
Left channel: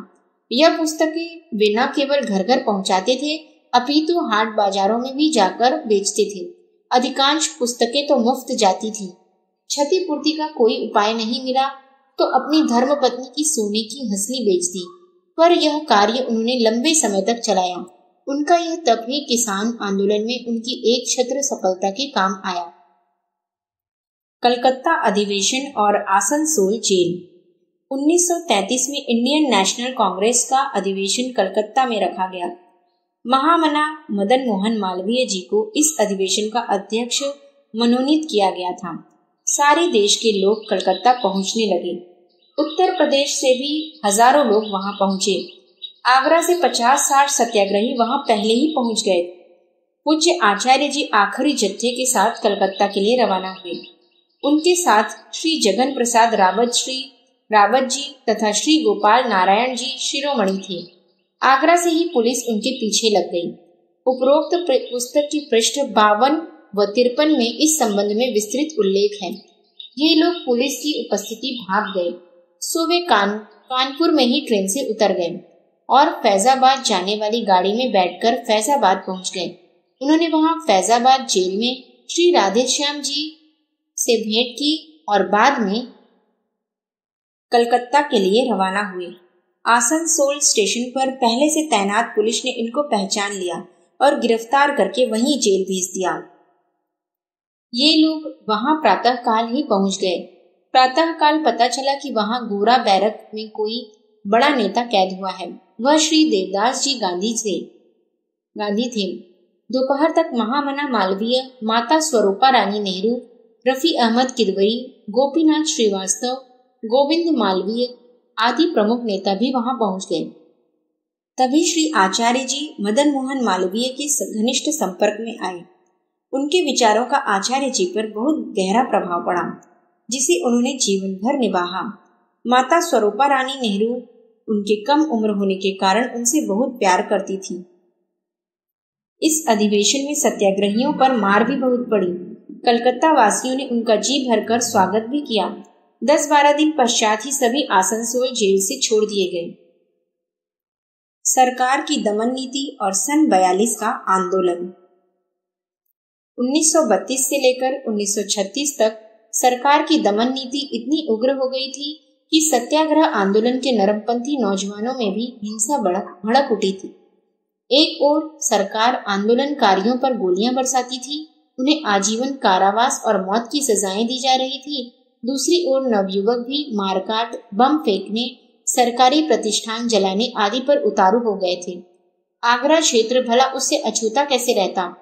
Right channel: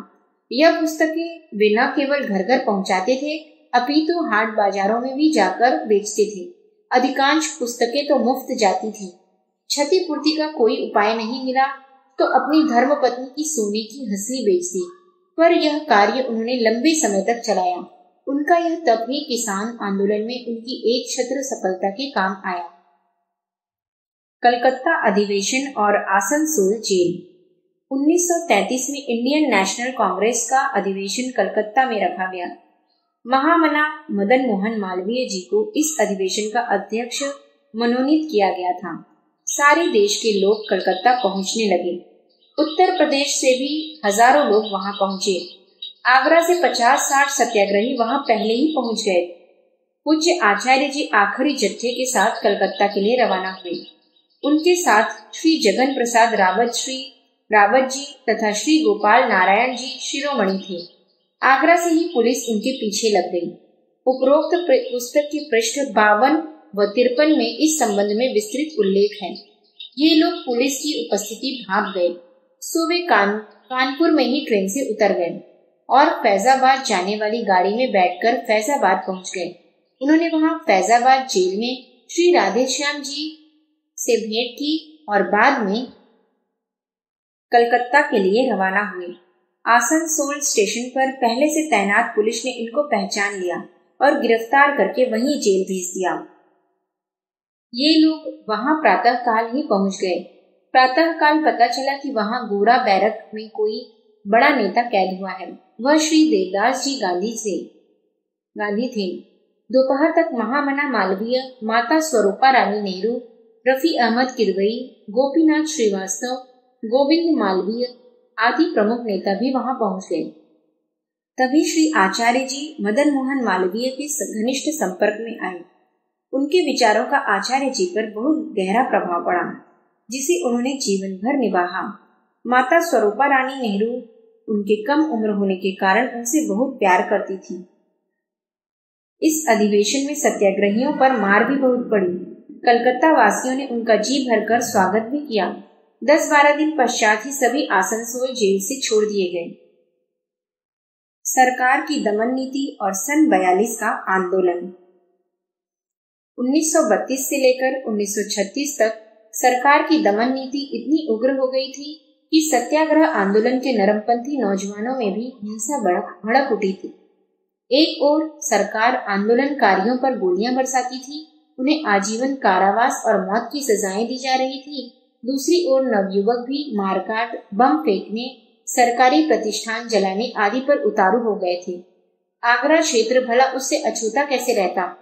यह पुस्तकें वे न केवल घर घर पहुंचाते थे, अपितु हाट बाजारों में भी जाकर बेचते थे। अधिकांश पुस्तकें तो मुफ्त जाती थी। क्षतिपूर्ति का कोई उपाय नहीं मिला तो अपनी धर्मपत्नी की सोने की हंसली बेच दी, पर यह कार्य उन्होंने लंबे समय तक चलाया। उनका यह तप ही किसान आंदोलन में उनकी एक छत्र सफलता के काम आया। कलकत्ता अधिवेशन और आसनसोल जेल। 1933 में इंडियन नेशनल कांग्रेस का अधिवेशन कलकत्ता में रखा गया। महामना मदन मोहन मालवीय जी को इस अधिवेशन का अध्यक्ष मनोनीत किया गया था। सारे देश के लोग कलकत्ता पहुंचने लगे। उत्तर प्रदेश से भी हजारों लोग वहां पहुंचे। आगरा से 50-60 सत्याग्रही वहां पहले ही पहुंच गए। पूज्य आचार्य जी आखिरी जत्थे के साथ कलकत्ता के लिए रवाना हुए। उनके साथ श्री जगन प्रसाद रावत जी तथा श्री गोपाल नारायण जी शिरोमणि थे। आगरा से ही पुलिस उनके पीछे लग गई। उपरोक्त पुस्तक की पृष्ठ 52 व 53 में इस संबंध में विस्तृत उल्लेख है। ये लोग पुलिस की उपस्थिति भाग गए, सो वे कानपुर में ही ट्रेन से उतर गए और फैजाबाद जाने वाली गाड़ी में बैठकर फैजाबाद पहुंच गए। उन्होंने वहां फैजाबाद जेल में श्री राधेश्याम जी से भेंट की और बाद में कलकत्ता के लिए रवाना हुए। आसनसोल स्टेशन पर पहले से तैनात पुलिस ने इनको पहचान लिया और गिरफ्तार करके वहीं जेल भेज दिया। ये लोग वहां प्रातःकाल ही पहुंच गए। प्रातःकाल पता चला कि वहां गोरा बैरक में कोई बड़ा नेता कैद हुआ है। वह श्री देवदास जी गांधी थे। दोपहर तक महामना मालवीय, माता स्वरूपा रानी नेहरू, रफी अहमद किदवई, गोपीनाथ श्रीवास्तव, गोविंद मालवीय आदि प्रमुख नेता भी वहां पहुंच गए। तभी श्री आचार्य जी मदन मोहन मालवीय के घनिष्ठ संपर्क में आए। उनके विचारों का आचार्य जी पर बहुत गहरा प्रभाव पड़ा, जिसे उन्होंने जीवन भर निभाया। माता स्वरूपा रानी नेहरू उनके कम उम्र होने के कारण उनसे बहुत प्यार करती थी। इस अधिवेशन में सत्याग्रहियों पर मार भी बहुत पड़ी। कलकत्ता वासियों ने उनका जी भरकर स्वागत भी किया। 10-12 दिन पश्चात ही सभी आसनसोल जेल से छोड़ दिए गए। सरकार की दमन नीति और सन 42 का आंदोलन। 1932 से लेकर 1936 तक सरकार की दमन नीति इतनी उग्र हो गई थी कि सत्याग्रह आंदोलन के नरमपंथी नौजवानों में भी हिंसा भड़क उठी थी। एक ओर सरकार आंदोलनकारियों पर गोलियां बरसाती थी, उन्हें आजीवन कारावास और मौत की सजाएं दी जा रही थी। दूसरी ओर नवयुवक भी मारकाट, बम फेंकने, सरकारी प्रतिष्ठान जलाने आदि पर उतारू हो गए थे। आगरा क्षेत्र भला उससे अछूता कैसे रहता।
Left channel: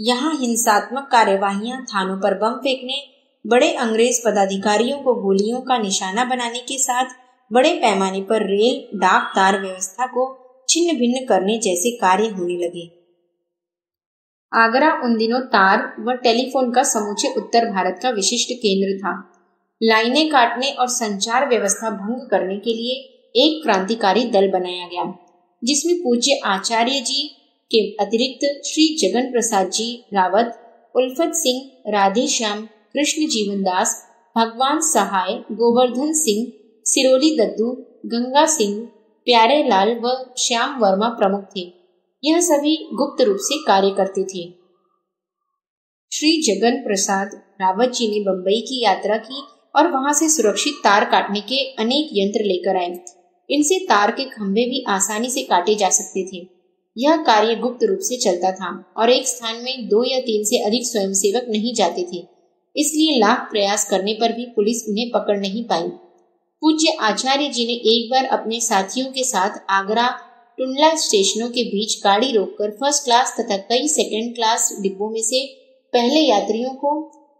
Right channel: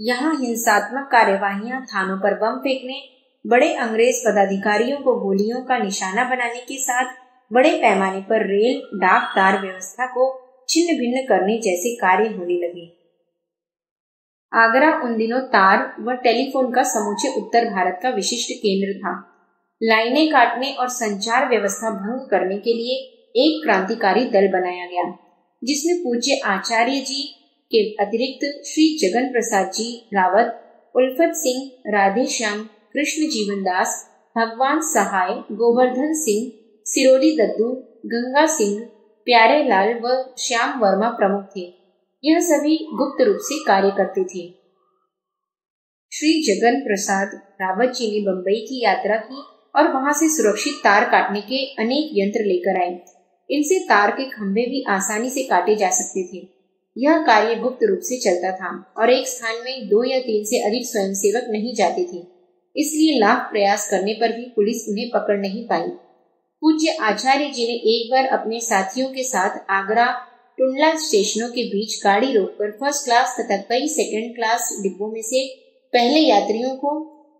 यहाँ हिंसात्मक कार्यवाहियां, थानों पर बम फेंकने, बड़े अंग्रेज पदाधिकारियों को गोलियों का निशाना बनाने के साथ बड़े पैमाने पर रेल, डाक, तार व्यवस्था को छिन्न भिन्न करने जैसे कार्य होने लगे। आगरा उन दिनों तार व टेलीफोन का समूचे उत्तर भारत का विशिष्ट केंद्र था। लाइनें काटने और संचार व्यवस्था भंग करने के लिए एक क्रांतिकारी दल बनाया गया, जिसमें पूज्य आचार्य जी के अतिरिक्त श्री जगन प्रसाद जी रावत, उल्फत सिंह, राधेश्याम, कृष्ण जीवनदास, भगवान सहाय, गोवर्धन सिंह, सिरोली दद्दू, गंगा सिंह, प्यारे लाल व श्याम वर्मा प्रमुख थे। यह सभी गुप्त रूप से कार्य करते थे। श्री जगन प्रसाद रावत जी ने बंबई की यात्रा की और वहां से सुरक्षित तार काटने के अनेक यंत्र लेकर आए। इनसे तार के खंभे भी आसानी से काटे जा सकते थे। यह कार्य गुप्त रूप से चलता था और एक स्थान में 2 या 3 से अधिक स्वयंसेवक नहीं जाते थे, इसलिए लाख प्रयास करने पर भी पुलिस उन्हें पकड़ नहीं पाई। पूज्य आचार्य जी ने एक बार अपने साथियों के साथ आगरा टुंडला स्टेशनों के बीच गाड़ी रोककर फर्स्ट क्लास तथा कई सेकंड क्लास डिब्बों में से पहले यात्रियों को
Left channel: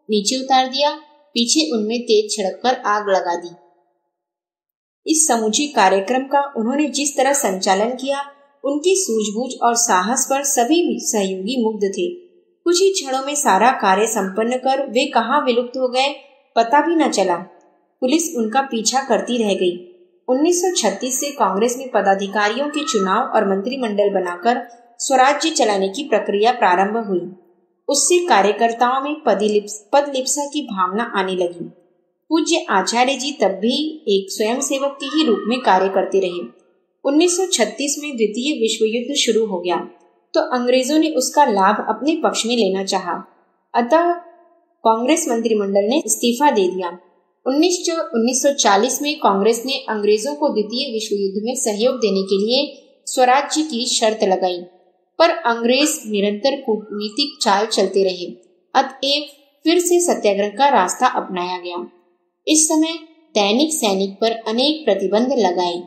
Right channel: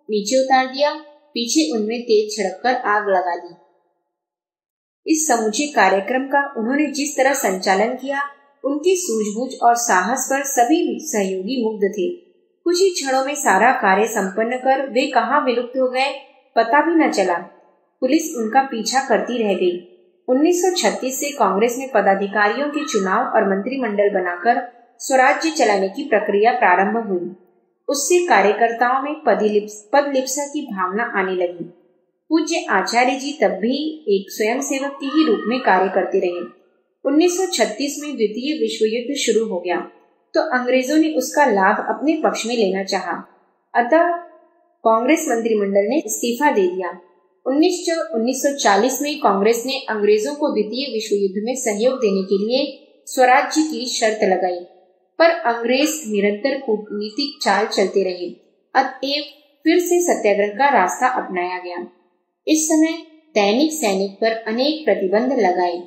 नीचे उतार दिया, पीछे उनमें तेज छिड़ककर आग लगा दी। इस समूचे कार्यक्रम का उन्होंने जिस तरह संचालन किया, उनकी सूझबूझ और साहस पर सभी सहयोगी मुग्ध थे। कुछ ही क्षणों में सारा कार्य संपन्न कर वे कहाँ विलुप्त हो गए पता भी न चला। पुलिस उनका पीछा करती रह गई। 1936 से कांग्रेस में पदाधिकारियों के चुनाव और मंत्रिमंडल बनाकर स्वराज्य चलाने की प्रक्रिया प्रारंभ हुई। उससे कार्यकर्ताओं में पदलिप्सा की भावना आने लगी। पूज्य आचार्य जी तब भी एक स्वयंसेवक के ही रूप में कार्य करते रहे। 1936 में द्वितीय विश्व युद्ध शुरू हो गया तो अंग्रेजों ने उसका लाभ अपने पक्ष में लेना चाहा। अतः कांग्रेस मंत्रिमंडल ने इस्तीफा दे दिया। 1940 में कांग्रेस ने अंग्रेजों को द्वितीय विश्व युद्ध में सहयोग देने के लिए स्वराज्य की शर्त लगाई, पर अंग्रेज निरंतर कूटनीतिक चाल चलते रहे। अतएव फिर से सत्याग्रह का रास्ता अपनाया गया। इस समय दैनिक सैनिक पर अनेक प्रतिबंध लगाए।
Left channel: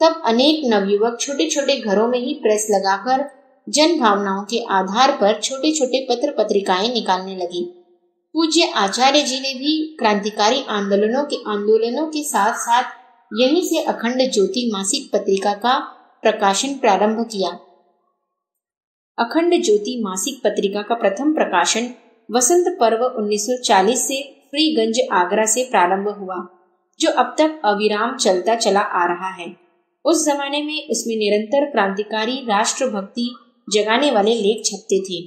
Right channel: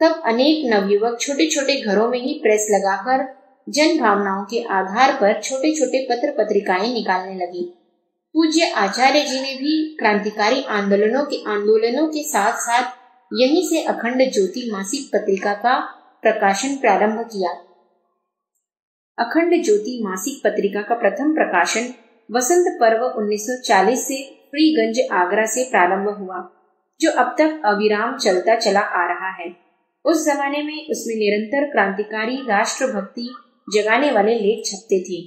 तब अनेक नवयुवक छोटे छोटे घरों में ही प्रेस लगाकर जन भावनाओं के आधार पर छोटे छोटे पत्र पत्रिकाएं निकालने लगे। पूज्य आचार्य जी ने भी क्रांतिकारी आंदोलनों के साथ साथ यहीं से अखंड ज्योति मासिक पत्रिका का प्रकाशन प्रारंभ किया। अखंड ज्योति मासिक पत्रिका का प्रथम प्रकाशन वसंत पर्व 1940 से फ्रीगंज आगरा से प्रारंभ हुआ, जो अब तक अविराम चलता चला आ रहा है। उस जमाने में उसमें निरंतर क्रांतिकारी राष्ट्रभक्ति जगाने वाले लेख छपते थे।